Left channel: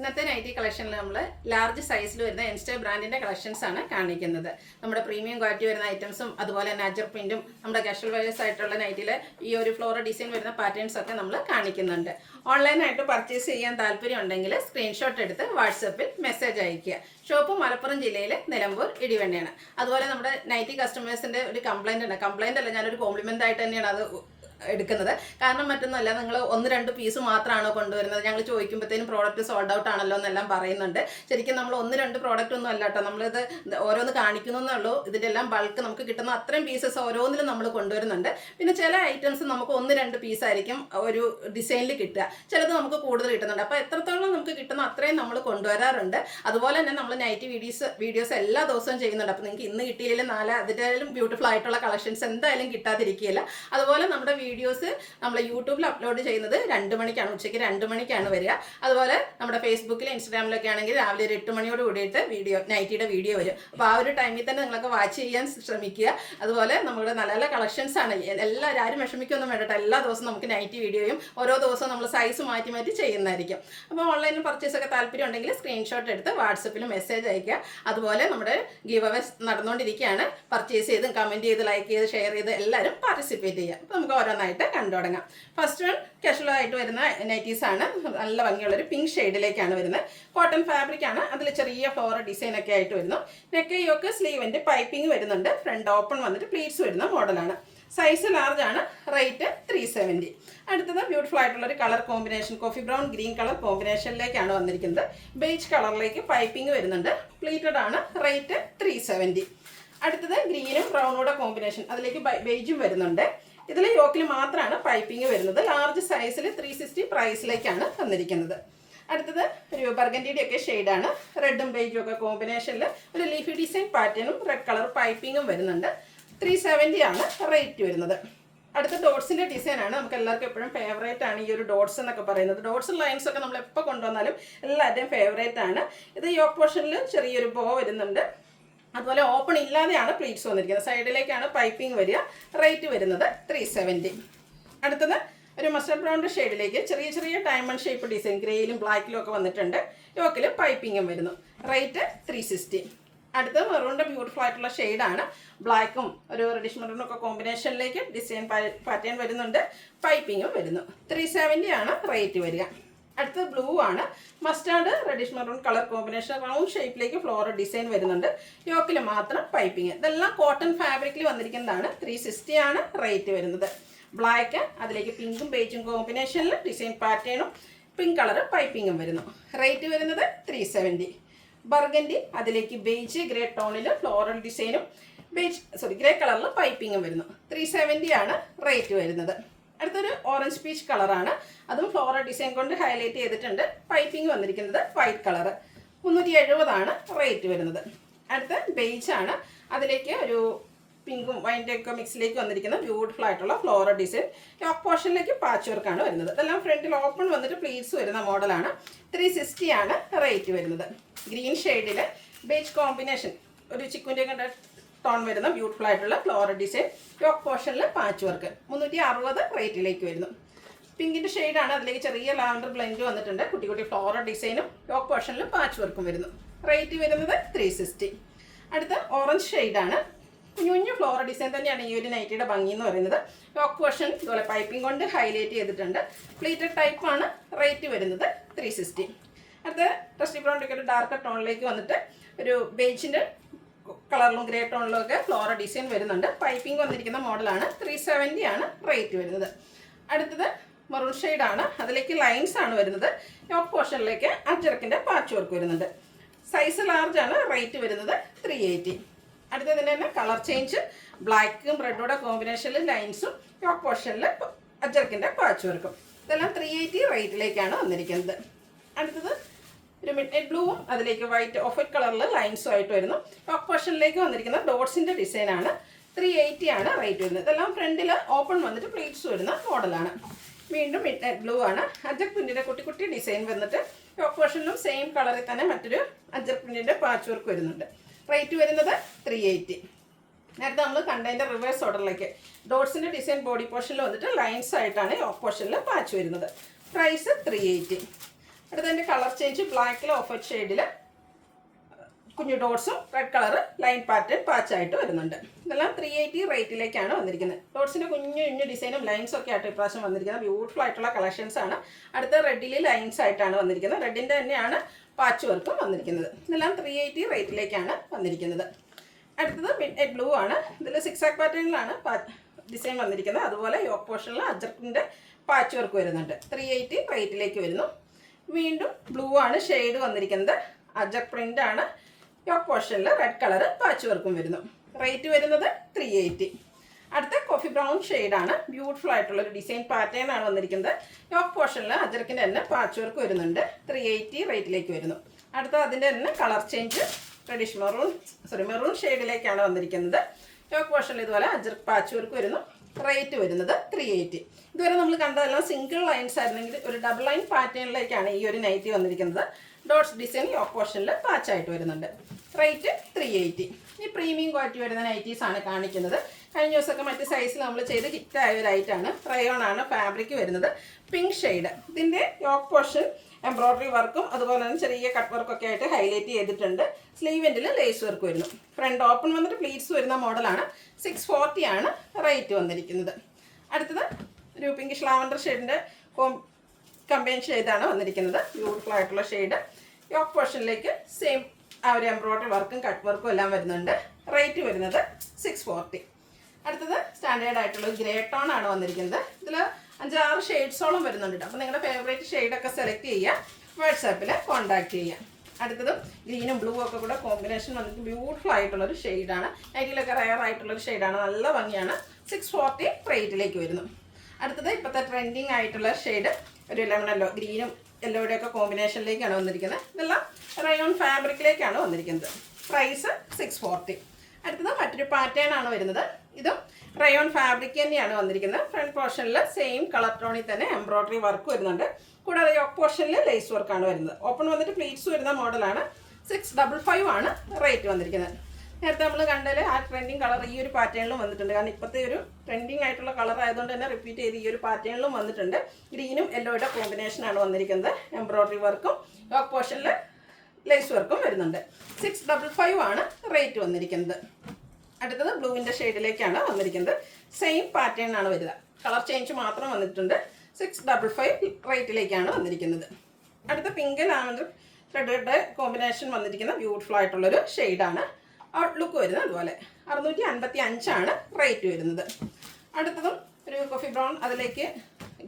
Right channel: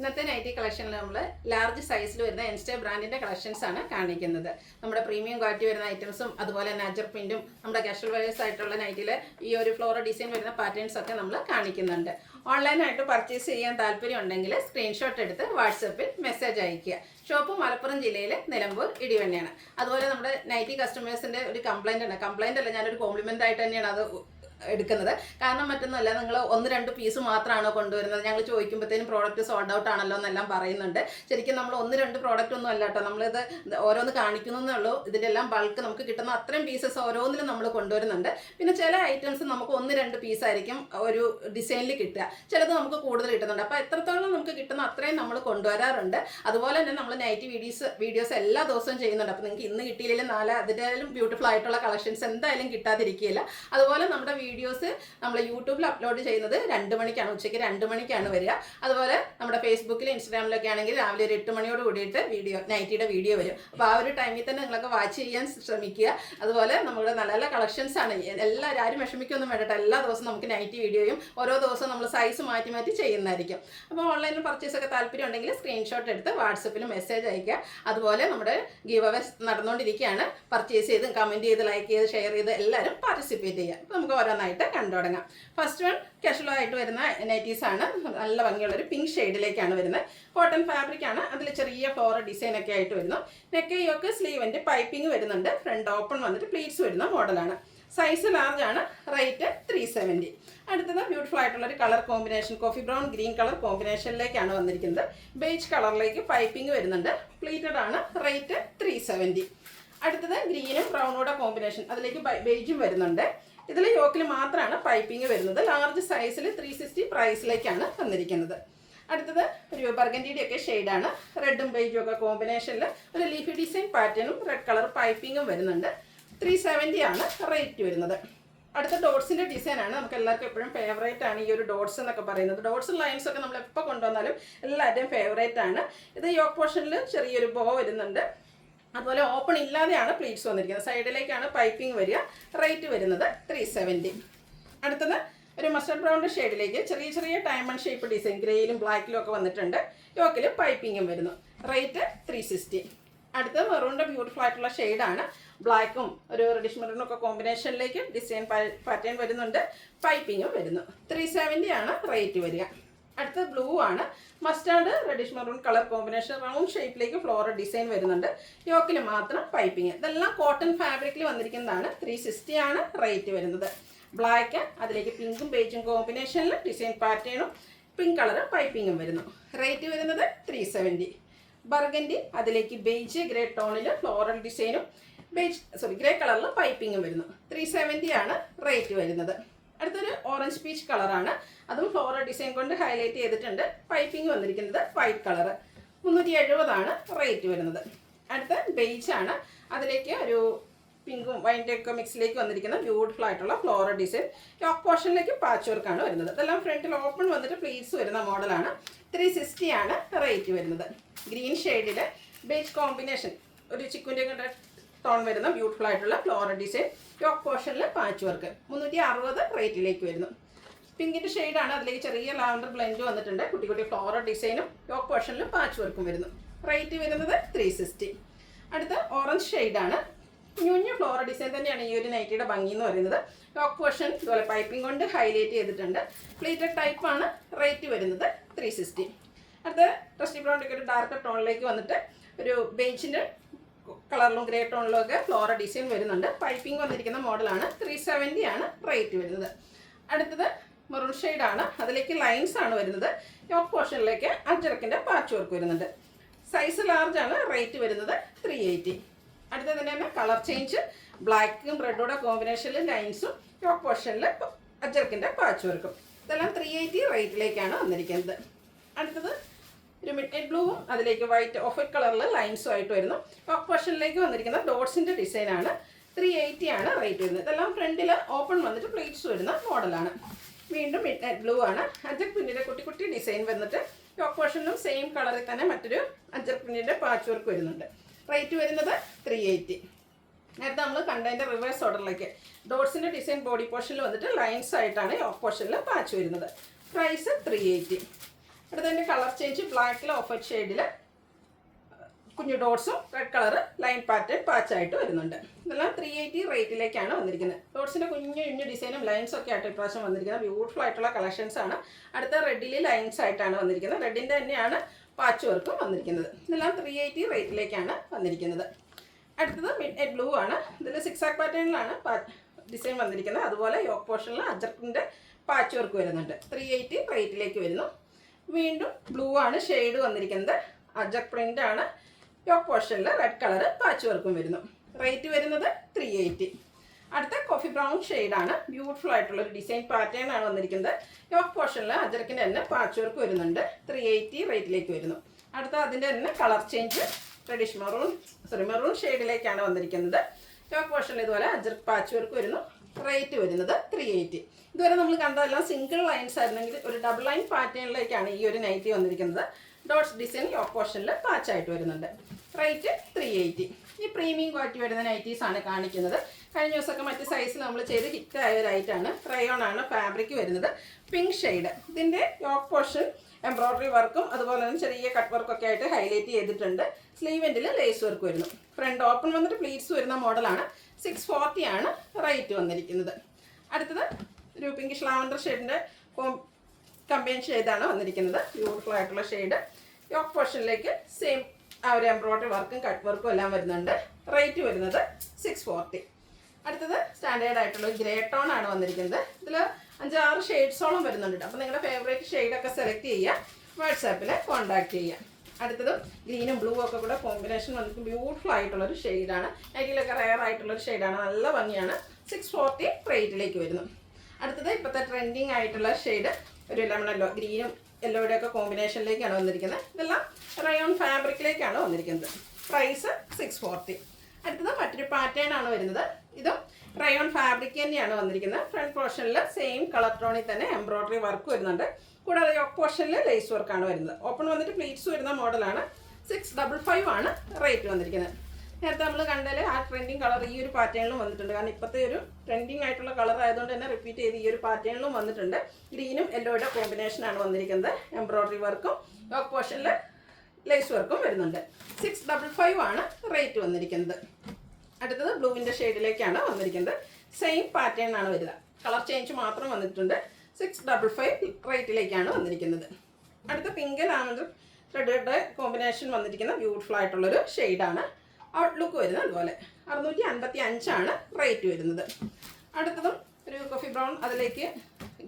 ഇന്നത്തെ നൈറ്റി കളക്ഷനിൽ നമ്മൾ ലാർജ് സൈസിൽ വരുന്ന എൻസ്റ്റേ ബ്രാൻഡിൻ്റെ കളക്ഷൻസ് ആണ് കാണിക്കുന്നത്. നമ്മുടെ പ്രീമിയം ക്വാളിറ്റി വരുന്ന ഐറ്റംസും അതുപോലെ തന്നെ അജർ പ്രിൻറ്റും നമ്മുടെ കാഷ്വൽ വെയേഴ്സ് ആയിട്ടുള്ള നൈറ്റിൽ ഈ ഒരു ഫ്ലോറൽ ഡിസൈൻ വരുന്ന പാറ്റേൺസ് ഒക്കെ നമ്മൾ കാണിക്കുന്നുണ്ട്. ഓൺലൈനായിട്ട് പർച്ചേസ് ചെയ്യാൻ താല്പര്യം ഉണ്ടെങ്കിൽ സ്ക്രീൻഷോട്ട് എടുത്ത് വാട്സപ്പിൽ മെസ്സേജ് അയയ്ക്കുക. ഷോപ്പ് മലപ്പുറം ജില്ലയിൽ നിലമ്പൂർ ഇടിവണ്ണയാണ്. അതുപോലെ നമ്മുടെ നൈറ്റി കസ്റ്റമേഴ്സിൻ്റെ ഒരു കംപ്ലയിൻ്റ് ഉണ്ട്. കംപ്ലയിൻ്റ് അല്ല, ഞാനൊരു കോംപ്ലിമെൻ്റ് ആയിട്ട് തന്നെയാണ് അത് എടുക്കുന്നത്. കാരണം മറ്റൊന്നുമല്ല, നിങ്ങൾ 1-2 പീസ് മാത്രമാണോ കൊണ്ടുവരുന്നത്, ഞങ്ങൾ ചോദിക്കുമ്പോഴത്തേനും പ്രോഡക്റ്റ് സോൾഡ് ഔട്ട് ആണല്ലോ എന്നെല്ലാം പറയുന്നുണ്ട്. ശരിക്കും നമ്മൾ 1-2 പ്രോഡക്റ്റ് ഒന്നും അല്ല കേട്ടോ, നമ്മളിത് ഓരോന്ന് കാണിക്കുന്നേ ഉള്ളൂ. ഇതിൻ്റെ എല്ലാം ബൾക്ക് നമുക്ക് കിട്ടുന്ന അത്രയും പീസസ് ഓരോന്നിലും നമ്മൾ കൊണ്ടുവരുന്നുണ്ട്. പിന്നെ ചില ഐറ്റംസ് നമുക്ക് 1-2 പീസായിരിക്കും ഒരു ഡിസൈനിൽ കിട്ടുക, ചിലത് നമുക്ക് കൂടുതൽ കിട്ടുന്നുണ്ട്. അപ്പോൾ എത്രത്തോളം നമുക്ക് കിട്ടുന്ന അത്രയും നമ്മൾ കൊണ്ടുവരാറുണ്ട്. അതുപോലെ തന്നെ നമ്മൾ നൈറ്റി വീഡിയോസ് എല്ലാ ദിവസവും ചെയ്യുന്നുണ്ട്. അപ്പോൾ നിങ്ങൾക്ക് ഇന്ന് കിട്ടിയില്ലെങ്കിൽ നാളെ അതിലും ബ്യൂട്ടിഫുൾ ആയിട്ടുള്ള കളക്ഷൻസ് എന്തായാലും കിട്ടാതിരിക്കുകയില്ല. അതുപോലെ നമ്മുടെ വീഡിയോസ് നമ്മൾ യൂട്യൂബിൽ അപ്ലോഡ് ചെയ്യുന്നത് 2 മണിക്കാണ്, ഉച്ചയ്ക്ക് 2 മണിക്കാണ് വരിക. അതുപോലെ നമ്മുടെ ഫേസ്ബുക്കിലും ഇൻസ്റ്റാഗ്രാമിലൊക്കെ ആണെങ്കിൽ രാവിലെ ഒരു 8 മണിയോട് കൂടിയിട്ട് നൈറ്റിയുടെ വീഡിയോ വരും. അപ്പോൾ ആ ഒരു ടൈമിൽ തന്നെ നിങ്ങളൊക്കെ വാച്ച് ചെയ്യാൻ ശ്രമിക്കുക. അതുപോലെ നമ്മുടെ നല്ല നല്ല കളക്ഷൻസ് ആണ്. ആരും വിഷമിക്കൊന്നും വേണ്ട, എല്ലാ ദിവസവും നമുക്ക് നൈറ്റി വീഡിയോയും ഓരോ ദിവസവും നമ്മൾ സൈസ് മാറ്റി മാറ്റി ചെയ്യുന്നതായിരിക്കും. അപ്പോൾ ഓൺലൈനിൽ പർച്ചേസ് ഒക്കെ താല്പര്യം ഉണ്ടെങ്കിൽ സ്ക്രീൻഷോട്ട് എടുത്ത് വാട്സപ്പിൽ മെസ്സേജ് അയയ്ക്കുക. അതുപോലെ നമ്മുടെ ഗീവ് അവേ നടന്നുകൊണ്ടിരിക്കുകയാണ്. പർച്ചേസ് ചെയ്ത് കമൻറ്റ് ചെയ്ത് ലൈക്ക് ചെയ്ത് ഷെയർ ചെയ്ത് എല്ലാവരും പാർട്ടിസിപ്പേറ്റ് ചെയ്യുക. അപ്പോൾ നമുക്ക് ഓരോന്നായിട്ട് കണ്ടു തുടങ്ങാം. ഫസ്റ്റ് വൺ കാഷ്വൽ ആയിട്ട് വരുന്ന നൈറ്റീസ് ആണ്. നല്ല ഭംഗിയുള്ളൊരു പിങ്ക് ഷെയ്ഡിലേക്കാണ് വരുന്നത്. കോട്ടൺ ഫാബ്രിക് ആണ്. അതിൽ ചെറിയ ഫ്ലോറൽ ഡിസൈൻ ഒക്കെ ആയിട്ട് വരുന്നു. നെക്ക് യോക്ക് സ്ലീവിൻ്റെ പൈപ്പിംഗ് വരുന്നുണ്ട്. ഫ്രണ്ട് ഓപ്പൺ വന്നിട്ട് പ്ലീറ്റ്സ് വരുന്ന മോഡലാണ്. സൈസ് ലാർജ് ആണ്. റേറ്റ് 370. അടുത്തത് ബ്യൂട്ടിഫുൾ ആയിട്ടുള്ളൊരു colour combination, coffee brown green colour കോമ്പിനേഷനിലേക്കാണ് വന്നിരിക്കുന്നത്. ബേജ് കളറിലേക്ക് പൈപ്പിംഗ് വരുന്നുണ്ട്. പ്ലീറ്റഡ് ആണ്. റേറ്റ് 370. അടുത്തത് ഗ്രീനും ബ്രൗണോടെ കോമ്പിനേഷൻ, അതിലേക്ക് ബേജും വരുന്നുണ്ട്. ഇതിൽ യോക്കിൽ മാത്രമാണ് പൈപ്പിംഗ് വരുന്നത്. ലാർജ് സൈസിൽ 360 പ്രൈസിലേക്കാണ് വന്നിരിക്കുന്നത്. അടുത്തത് ഒരു ബർഗൻഡിയുടെ ഒക്കെ ഷെയ്ഡാണ്. റെഡും ബേജും ഒക്കെ കോമ്പിനേഷനിൽ ഒരു ലീഫി ഡിസൈൻ പാറ്റേണും റെഡ് കളർ പൈപ്പിങ്ങും വരുന്നുണ്ട്. 370 ആണ് റേറ്റ് വരുന്നത്. അടുത്ത ഡോട്ട്സിൻ്റെ ഡിസൈനാണ്. നമുക്ക് എല്ലാവർക്കും എപ്പോഴും ഫേവറേറ്റ് ആണ് ഈ ഒരു ഡോട്ട്സ് എന്നൊക്കെ പറയുന്നത്. ഡോട്ട്സ് ലൈൻസ് ഒക്കെ നമ്മൾ എപ്പോൾ കൊണ്ടുവന്നാലും എല്ലാവരുടെയും ഫേവറേറ്റ് ആണ്. ഇത് യോക്ക് പോർഷനിൽ ചെറിയൊരു ബോ വരുന്നുണ്ട്. അതുപോലെ ഓപ്പൺ ഇല്ലാതെയാണ് പ്ലീറ്റ്സ് വന്നിരിക്കുന്നത്. സൈഡിലേക്കാണ് പൈപ്പിംഗ് വരിക. റേറ്റ് വരുന്നത് 370. അടുത്തത് ഒരു മസ്റ്റർഡ് ബ്രൗൺ ഷെയ്ഡിലേക്ക് ചെറിയ ചെറിയ ഡയമണ്ട് ഷേപ്പ് ഡിസൈൻ ഗ്രേയിലും ബ്ലാക്കിലും ഒക്കെ വന്നിട്ടുണ്ട്. യോക്കിൽ പൈപ്പിങ്ങും വരുന്നു. റേറ്റ് 360. അടുത്തത് മെറൂണിൻ്റെ ബ്യൂട്ടിഫുൾ ആയിട്ടുള്ള ഷെയ്ഡാണ്. ബ്ലാക്കും ഒരു റെഡിഷ് മെറൂണും ഒക്കെ കോമ്പിനേഷനിലേക്ക് ഡിസൈൻ പാറ്റേൺ വരുന്നുണ്ട്. പൈപ്പിങ്ങും വരുന്നു. 370 ആണ് റേറ്റ് വരിക. അടുത്തത് ബ്ലൂ ആണ്. Mustard reddish maroon colour combination round ഷേപ്പിലേക്ക് ഫ്ലോറൽ ഡിസൈൻ വരുന്നുണ്ട്. യോക്കിൽ മാത്രം പൈപ്പിങ്. ഇതെല്ലാം കോട്ടൺ ഫാബ്രിക്കിൽ വന്നിരിക്കുന്നതാണ്. 360 ആണ് റേറ്റ് വരുന്നത്. ബ്ലാക്ക് അതിലേക്ക് പിങ്കും ബേജും കോമ്പിനേഷനിൽ ഡിസൈൻ പാറ്റേണും പിങ്ക് കളർ പൈപ്പിങ്ങും വരുന്നു. റേറ്റ് വരുന്നത് 370. ബർഗൻഡി അതിലേക്ക് ബേജ് ഗ്രേ ടോണിൽ ഫ്ലോറൽ ഡിസൈനും ഗ്രേ കളറിൽ പൈപ്പിങ്ങും വരുന്നു. 370 ആണ് റേറ്റ് വരുന്നത്. അടുത്തൊരു ഓറഞ്ച് പീച്ച് കളറാണ്. അതും ഫ്ലോറൽ ഡിസൈൻ കൊണ്ട് ഹൈലൈറ്റ് ചെയ്തിട്ടുണ്ട്. പൈപ്പിംഗ് വന്നിരിക്കുന്നത് വൈറ്റ് കളർ. 370 ആണ് റേറ്റ് വരുന്നത്. അടുത്ത ബേജ് ആണ്. അതിലേക്ക് ഒരു പിങ്കും വൈൻ്റെ ഒക്കെ മിക്സിലേക്ക് വന്നിരിക്കുന്ന ബ്യൂട്ടിഫുൾ ആയിട്ടുള്ള ഫ്ലോറൽ ഡിസൈൻ. ടോപ്പ് പോർഷനിലേക്ക് പാച്ച് വർക്കാണ് വരുന്നത്. ഇതെല്ലാം ഫ്രണ്ടിൽ ഓപ്പൺ വന്നിട്ട് പ്ലീറ്റ്സ് വരുന്ന മോഡലാണ്. 360 ആണ് റേറ്റ് വരുന്നത്. ഗ്രീൻ ഷെയ്ഡിൽ ബേജ് കോമ്പിനേഷൻ ഒരു ചിക്കുൻ്റെ കണ്ട ടോൺ വരുന്ന ബ്യൂട്ടിഫുൾ ആയിട്ടുള്ള ഫ്ലോറൽ ഡിസൈൻ. ടോപ്പ് പോർഷനിൽ പാച്ച് വർക്ക്. 360 റേറ്റിലേക്ക് വരുന്നു. പിങ്കിൻ്റെ ഷെയ്ഡാണ്. അതിലേക്ക് ചെറിയ ലാവൻഡർ ബ്ലെൻഡ് വന്നിട്ടുണ്ട്. കുട്ടി കുട്ടി ഫ്ലോറൽ ഡിസൈനും ടോപ്പ് പോർഷനിൽ പാച്ച് വർക്കും വരുന്നു. റേറ്റ് വരുന്നത് 360. അടുത്ത ഓറഞ്ച് ഷെയ്ഡാണ്. കുഞ്ഞു ഫ്ലോറൽ ഡിസൈൻ തന്നെയാണ് ഈ ഒരു നൈറ്റിയുടെ ഭംഗി എന്ന് പറയുന്നത്. ടോപ്പ് പോർഷൻ ഇതുപോലെ പൈപ്പിംഗ് കൊണ്ട് ഹൈലൈറ്റ് ചെയ്തിട്ടുണ്ട്. പ്ലീറ്റഡ് ടൈപ്പാണ്. റേറ്റ് വരുന്നത് 360. അടുത്ത റസ്റ്റി ബ്രൗൺ ഒക്കെ ഒരു ഡാർക്ക് ടോണിലേക്ക് വന്നിട്ട് ഒരു ബേജിൻ്റെ കളറിലും ഗ്രേ ടോണിലും ഒക്കെ ഫ്ലോറൽ ഡിസൈൻ വരുന്നുണ്ട്. പൈപ്പിംഗ് വന്നിരിക്കുന്ന മോഡലാണ്. 370 ആണ് റേറ്റ് വരുന്നത്. അടുത്തത് മെറൂൺ ഷെയ്ഡാണ്. അതിലേക്ക് ലൈൻസ് ആണ് വരുന്നത്. ടോപ്പ് പോർഷനിലേക്ക് അജറക്കിൻ്റെ പാച്ച് വർക്ക് വരുന്നുണ്ട്. സൈസ് ലാർജ് ആണ്. റേറ്റ് വരുന്നത് 380. അടുത്തതിൻ്റെ തന്നെ കളർ ചേഞ്ച് ബ്ലാക്കും റെഡോടെ കോമ്പിനേഷനിൽ ലൈൻസും ടോപ്പ് പോർഷനിൽ അജറക്കിൻ്റെ പാച്ച് വർക്കും. ഇതെല്ലാം 380 റേറ്റിലേക്കാണ് വന്നിരിക്കുന്നത്. അടുത്തത് ഒരു മിഡ് നൈറ്റ് ബ്ലൂവും അതിലേക്ക് വൈറ്റ് ഓഫ് വൈറ്റ് കളറിൽ ലൈൻസും ആയിട്ട് വരുന്നു. ടോപ്പ് പോർഷനിലേക്ക് വന്നിരിക്കുന്ന ഡോട്ട്സിൻ്റെ ഡിസൈനാണ്. 380 ആണ് റേറ്റ് വരുന്നത്. ഇതെല്ലാം ഫ്രണ്ടിൽ ഓപ്പൺ വന്നിട്ട് പ്ലീറ്റ്സ് വരുന്ന മോഡലാണ്. വീണ്ടും മിഡ് നൈറ്റ് ബ്ലൂ ആണ്. അജർ പ്രിൻറ്റിൻ്റെ കുട്ടി കുട്ടി ഡിസൈൻ വന്നിട്ട് ടോപ്പ് പോർഷനിലും സെയിം കളറിൽ തന്നെ മറ്റൊരു അജർ പ്രിൻറ്റിൻ്റെ പാച്ച് വർക്ക് വരുന്നുണ്ട്. റേറ്റ് വരുന്നത് 380. നേരത്തെ നമ്മൾ കണ്ടതിൻ്റെ റിവേഴ്സ് ഓർഡറിലേക്ക് ഡോട്ട്സിൻ്റെ ഡിസൈൻ ബോഡി പോർഷനിൽ വന്നിട്ട് ലൈൻസ് ആയിട്ടാണ് ടോപ്പ് പോർഷനിൽ പാച്ച് വരുന്നത്. പ്രൈസ് 380. അടുത്തതിൻ്റെ കളർ ചേഞ്ച് ബ്ലാക്കിൽ ഓഫ് വൈറ്റ് ഷെയ്ഡിൽ കുഞ്ഞു ഡോട്ട്സും റെഡ് കളർ ലൈൻ പാറ്റേൺ പാച്ചായിട്ട് വരുന്നുണ്ട്. ഇതെല്ലാം 380 റേറ്റിലേക്കാണ് വന്നിരിക്കുന്നത്. ഡോട്ട്സിൻ്റെ കുഞ്ഞു ഡിസൈനും ലൈൻസും ഒക്കെ ആയിട്ട് ഇപ്രാവശ്യം വന്നിരിക്കുന്നത് ബ്യൂട്ടിഫുൾ ആയിട്ടുള്ള കളക്ഷൻസ് ആണ്. അടുത്ത റെഡിൽ ലൈൻസ് ആയിട്ടാണ് വന്നിരിക്കുന്നത്. റെഡിൻ്റെ തന്നെയാണ് പാച്ച് വർക്കും വന്നിരിക്കുന്നത്. ഇതെല്ലാം 380 റേറ്റിലേക്കാണ് വന്നിരിക്കുന്നത്. അടുത്തത് മിഡ് നൈറ്റ് ബ്ലൂ ആണ്. ഇതിൽ 6 ആക്ക് പാറ്റേണിലാണ് ഡിസൈൻ വന്നിരിക്കുന്നത്. അതുപോലെ യോക്ക് പോർഷനിൽ അജർക്കിൻ്റെ പാച്ച് വർക്ക് വരുന്നുണ്ട്. 380 റേറ്റിലേക്ക് വരുന്നു. വീണ്ടും ബ്ലൂ ആണ് ഷെയ്ഡ് വന്നിരിക്കുന്നത്. അജർക്ക് പ്രിൻ്റ് ആണ്. യോക്ക് പോർഷനിൽ റെഡ് കളർ പാച്ച് വർക്കും വരുന്നു. റേറ്റ് വരുന്നത് 380. അടുത്ത കോഫി ബ്രൗൺ ഷെയ്ഡാണ്. ബ്യൂട്ടിഫുൾ ആയിട്ടുള്ളൊരു ഡിസൈൻ പാറ്റേൺ ആണ് വന്നിരിക്കുന്നത്. യോക്ക് പോർഷനിൽ അജർക്കിൻ്റെ തന്നെ പാച്ച് വർക്ക് വരുന്നുണ്ട്. 380 റേറ്റിലേക്ക് വരുന്നു. അടുത്ത അതിൻ്റെ തന്നെ കളർ ചേഞ്ച് റെഡിഷ് മെറൂൺ ഷെയ്ഡിലേക്കാണ് വന്നിരിക്കുന്നത്. യോക്ക് പോർഷനിൽ ഇതുപോലെ അജർക്ക് പാച്ച് വർക്ക് വരുന്നു. റേറ്റ് വരുന്നത് 380. ഇതുവരെ നമ്മൾ കണ്ടതെല്ലാം സിംഗിൾ ലൈൻസ് ആയിരുന്നെങ്കിൽ ഒരു ഡബിൾ ലൈൻ പാറ്റേണിലേക്കാണ് ഈ ഒരു നൈറ്റി വന്നിരിക്കുന്നത്. ഡോട്ട്സ് ഡിസൈൻ യോക്ക് പോർഷനിൽ പാച്ചായിട്ട് വരുന്നുണ്ട്. റേറ്റ് 380. ഈ പ്രീമിയം ക്വാളിറ്റി വരുന്ന നൈറ്റീസ് ആണ് കാണിക്കുന്നത്. കഴിഞ്ഞ ദിവസമൊക്കെ മറ്റ് സൈസിൽ നമ്മൾ ചെയ്ത് ഹിറ്റായ ഒരു ഐറ്റാണ്. റയോൺ ആണ് ഫാബ്രിക് വരുന്നത്. Pink shade. ഇതിൻ്റെ യോക്ക് പോർഷൻ എംബ്രോയ്ഡറി വർക്കും അതുപോലെ തന്നെ ചെറിയ കട്ട് വർക്കൊക്കെ ആയിട്ട് ഹൈലൈറ്റ് ചെയ്തിട്ടുണ്ട്. സ്ലീവ് എൻഡിൽ ലേസ് വർക്ക് വരുന്നു. ഫ്രണ്ട് ഓപ്പൺ വന്നിട്ട് പ്ലീറ്റ്സ് വരുന്ന മോഡലാണ്. 640 ആണ് റേറ്റ് വന്നിരിക്കുന്നത്. അടുത്തത് ഒരു പിങ്കിഷ് ലാവൻഡർ ഷെയ്ഡിൻ്റെ കമ്പൈൻ ഷെയ്ഡാണ് വന്നിരിക്കുന്നത്. ബ്യൂട്ടിഫുൾ ആയിട്ടുള്ള ഷെയ്ഡ്. യോക്ക് പോർഷനിലേക്ക് സെയിം ആ ഒരു എംബ്രോയ്ഡറി വർക്കും കട്ട് വർക്കും എല്ലാം വരുന്നുണ്ട്. റേറ്റ് വരുന്നത് 640. അടുത്തത് സ്റ്റാൻഡേർഡ് ആയിട്ടുള്ള ഗ്രേ ടോൺ ആണ് വന്നിരിക്കുന്നത്. ഇതിൽ 5-6 ഷെയ്ഡ്സോളം വരുന്നുണ്ട്. അപ്പോൾ നിങ്ങളുടെ ഫേവറേറ്റ് ഷെയ്ഡൊക്കെ സെലക്ട് ചെയ്യുക. വാട്സാപ്പിൽ കോൺടാക്ട് ചെയ്യുക. അടുത്തത് ഗ്രീനും ബ്ലൂ ഒക്കെ കൂടെ കോമ്പിനേഷൻ വന്നിട്ട് ബ്യൂട്ടിഫുൾ ആയിട്ടുള്ളൊരു ഷെയ്ഡാണ്. നൈറ്റിലൊക്കെ റയർ ആയിട്ടുള്ളൊരു ഷെയ്ഡാണ്. നല്ല ഭംഗിയാണ്. 640 റേറ്റിലേക്ക് വരുന്നു. അടുത്തത് ഇപ്പോഴത്തെ ട്രെൻഡിങ് ആയിട്ടുള്ള ഷെയ്ഡ് ഒരു ലെമൺ യെല്ലോ, ഗ്രീനും യെല്ലോയുടെ ഒക്കെ കോമ്പിനേഷനിലേക്കാണ് വന്നിരിക്കുന്നത്. ഇതെല്ലാം റയോൺ ഫാബ്രിക്കിലേക്കാണ് വന്നിരിക്കുന്നത്. പ്രൈസ് 640. അടുത്തത് മറ്റൊരു പാറ്റേൺ ആണ് വരുന്നത്. ഇതും റയോൺ ഫാബ്രിക് തന്നെയാണ് വന്നിരിക്കുന്നത്. ഫ്രണ്ട് പോർഷനിൽ സെയിം കളർ ടോണിൽ തന്നെ എംബ്രോയ്ഡറി വർക്ക് വരുന്നുണ്ട്. കൂടാതെ യോക്ക് പോർഷനിൽ ലേസ് വർക്കാണ് വരുന്നത്. ഓപ്പൺ വന്നിട്ട് പ്ലീറ്റ്സ് വരുന്ന മോഡലാണ്. 655 ആണ് റേറ്റ് വന്നിരിക്കുന്നത്. നേരത്തെ നമ്മൾ കണ്ടാൽ ആ ട്രെൻഡിങ് കളർ ഈ ഒരു പാറ്റേണിലും വന്നിട്ടുണ്ട്. കാരണം ഇപ്പോഴത്തെ ഒരു ട്രെൻഡിങ് ആയിട്ടുള്ള കളർ ആയതുകൊണ്ട് തന്നെ റിപ്പീറ്റ് ചെയ്ത് ഈ ഒരു പാറ്റേണിലും വന്നിട്ടുണ്ട്. ഗ്രീനും യെല്ലോയുടെ കോമ്പിനേഷനാണ് വന്നിരിക്കുന്നത്. എംബ്രോയ്ഡറി വർക്കും യോക്ക് പോർഷനിൽ ലേസ് വർക്കും വരുന്നുണ്ട്. 655 ആണ് റേറ്റ് വന്നിരിക്കുന്നത്. അടുത്തത് ബ്ലൂവിൻ്റെ ഷെയ്ഡിലേക്കാണ് വന്നിരിക്കുന്നത്. സെയിം പാറ്റേൺ ആണ് വരിക. കളർ ചേഞ്ച് മാത്രം വന്നിട്ടുണ്ട്. 655 റേറ്റിലേക്കാണ് വന്നിരിക്കുന്നത്. അടുത്ത പിങ്ക് ലാവൻഡർ റെഡ് കോമ്പിനേഷൻ വന്നിരിക്കുന്ന ബ്യൂട്ടിഫുൾ ആയിട്ടുള്ളൊരു ഷെയ്ഡാണ്. ഔട്ട്ലുക്ക് വരുന്നത് അതുപോലെ 655 ആണ് റേറ്റ് വരുന്നത്. അടുത്തതും ഒരു കോഫി ബ്രൗൺ, അതിലേക്ക്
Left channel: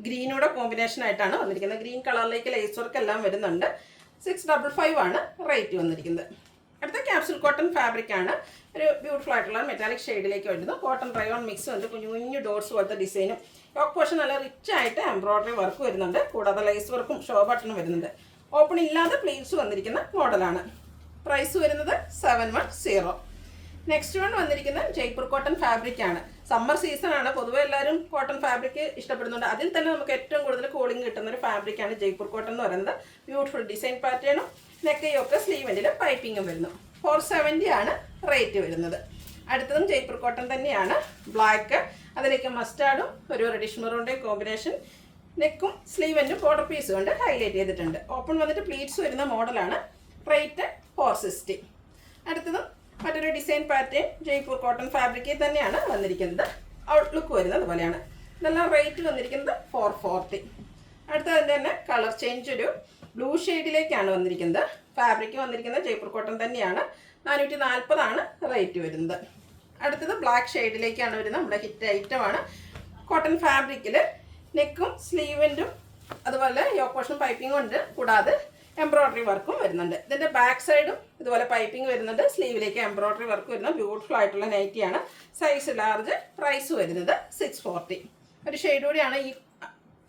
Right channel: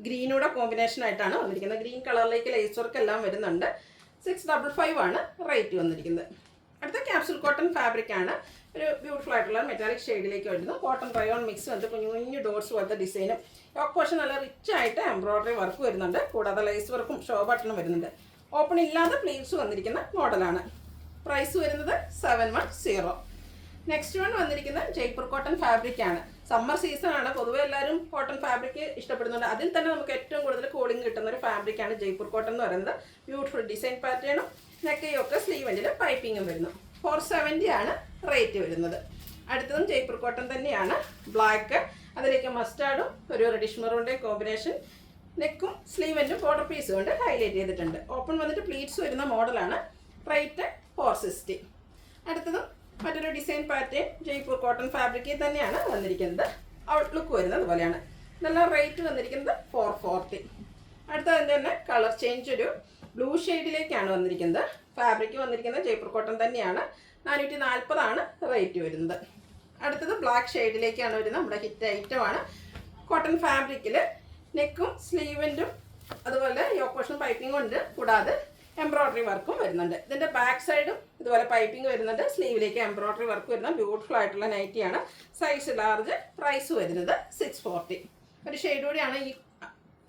ഗ്രീനൂടെ കോമ്പിനേഷനായിട്ടാണ് വന്നിരിക്കുന്നത്. ഗ്രീൻ കളറിലേക്ക് ലേസ് വർക്ക് എല്ലാം വരുന്നുണ്ട്. 655 ആണ് റേറ്റ് വന്നിരിക്കുന്നത്. അടുത്ത ക്യാപ്സുൽ കോട്ടൺ ഫാബ്രിക് ആണ്. ഒരു ബ്യൂട്ടിഫുൾ ആയിട്ടുള്ള മെറ്റാലിക് ഷെയ്ഡിലേക്ക് വരുന്നു. കോട്ടൺ റയോൺ മിക്സ് ഉണ്ട്. കുഞ്ഞു ഡോട്ട്സ് പോലത്തെ ഡിസൈനും യോക്ക് പോർഷൻ നല്ല റിച്ച് ആയിട്ട് എംബ്രോയ്ഡറി വർക്ക് വരുന്നുണ്ട്. കൂടാതെ ലേസ് വർക്കും ഷോ ബട്ടണും വരുന്നുണ്ട്. ഓപ്പൺ ഇല്ലാതെ പ്ലീറ്റ്സ് വന്നിരിക്കുന്ന മോഡലാണ്. പ്രൈസ് വരുന്നത് 710. നെക്സ്റ്റ് വൺ വന്നിരിക്കുന്നത് ജയ്പൂർ കോട്ടൺ ഫാബ്രിക് ആണ്. സമ്മർ സീസൺ ആണ്. പൊതുവെ എല്ലാവരും കോട്ടൺ ഫാബ്രിക് ഇഷ്ടപ്പെടുന്നുണ്ട്. അതിൽ തന്നെ നമുക്ക് ഏറ്റവും കൂടുതൽ കൂളിംഗ് കിട്ടുന്ന ഒരു ഫാബ്രിക്കാണ് ജയ്പൂർ കോട്ടൺ എന്ന് പറയുന്നത്. ബ്യൂട്ടിഫുൾ ഡിസൈൻ പാറ്റേണും നെക്കയൊക്കെ സ്ലീവെൻറ്റിൽ പൈപ്പിങ്ങും വരുന്നു. 470 ആണ് റേറ്റ് വരുന്നത്. അടുത്തതും ജയ്പൂർ കോട്ടൺ തന്നെയാണ്. ബ്ലാക്ക്, അതിലേക്ക് മസ്റ്റാർഡും ഒരു റെഡിഷ് മെറൂണിൻ്റെ കോമ്പിനേഷൻ. നെക്കും സ്ലീവെൻറ്റും ബോർഡർ പീസ് കൊണ്ട് ഹൈലൈറ്റ് ചെയ്തിട്ടുണ്ട്. ഓപ്പൺ വന്നിട്ട് പ്ലീറ്റ്സ് വരുന്ന മോഡലാണ്. റേറ്റ് 460. അടുത്തതും മറ്റൊരു ഡിസൈൻ പാറ്റേൺ ജയ്പൂർ കോട്ടൺ ഫാബ്രിക്കിൽ തന്നെയാണ് വന്നിരിക്കുന്നത്. ഔട്ട്ലുക്ക് വരുന്നത് പോലെയാണ്. ഇതെല്ലാം റേറ്റ് വന്നിരിക്കുന്നത് 440. അടുത്തതിൻ്റെ തന്നെ കളർ ചേഞ്ച് ഒരു ബ്ലൂ ഷെയ്ഡിലേക്കാണ് വന്നിരിക്കുന്നത്. ഫാബ്രിക് വന്നിരിക്കുന്നത് ജയ്പൂർ കോട്ടൺ തന്നെയാണ്. 440 ആണ് റേറ്റ് വരുന്നത്. അടുത്തത് ബ്ലാക്ക് ഷെയ്ഡിലേക്കാണ് വരുന്നത്. നമ്മുടെ ഹിറ്റ് ഐറ്റമാണ്. കോട്ടൺ ഫാബ്രിക്കിൽ നെക്കും സ്ലീവെൻറ്റും അതുപോലെ യോക്ക് പോർഷൻ പൈപ്പിങ്ങും ഉണ്ട്. കൂടാതെ എംബ്രോയ്ഡറി വർക്കും വരുന്നുണ്ട്. ഇതിൻ്റെ ബാക്ക് സൈഡും ഇതുപോലെ പൈപ്പിംഗ് വരുന്നുണ്ട്. സ്ലീവിലേക്ക് എംബ്രോയ്ഡറി വർക്ക് വരുന്ന ബ്യൂട്ടിഫുൾ ആയിട്ടുള്ള നൈറ്റിയാണ്. Size large. പ്രൈസ് വരുന്നത് 640. ഒരു ഷെയ്ഡ് കൂടിയാണ് ഈ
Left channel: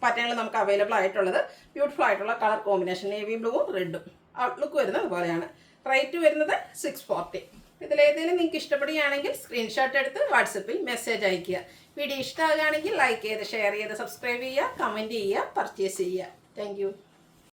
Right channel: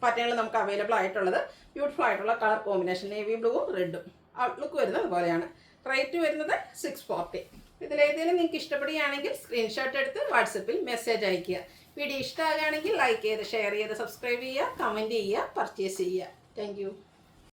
പാറ്റേണിൽ നമുക്ക് അവൈലബിൾ ആയിട്ടുള്ളത്. ബ്യൂട്ടിഫുൾ ആയിട്ടുള്ള കളർ കോമ്പിനേഷൻ നേവി ബ്ലൂവും റെഡും. ഔട്ട്ലുക്ക് വരുന്നത് അതുപോലെയാണ്. റേറ്റ് വരുന്നത് 640. ഇതിലേതെങ്കിലും നിങ്ങൾക്ക് ഇഷ്ടപ്പെടുകയാണെങ്കിൽ സ്ക്രീൻഷോട്ട് എടുത്ത് വാട്സപ്പിൽ മെസ്സേജ് അയയ്ക്കുക. വീഡിയോ ഇഷ്ടമാകുകയാണെങ്കിൽ ലൈക്ക് ചെയ്ത് ഷെയർ ചെയ്ത് സബ്സ്ക്രൈബ് ചെയ്യുക, കമൻറ്റ് ചെയ്യുക, പർച്ചേസ് ചെയ്യുക. താങ്ക്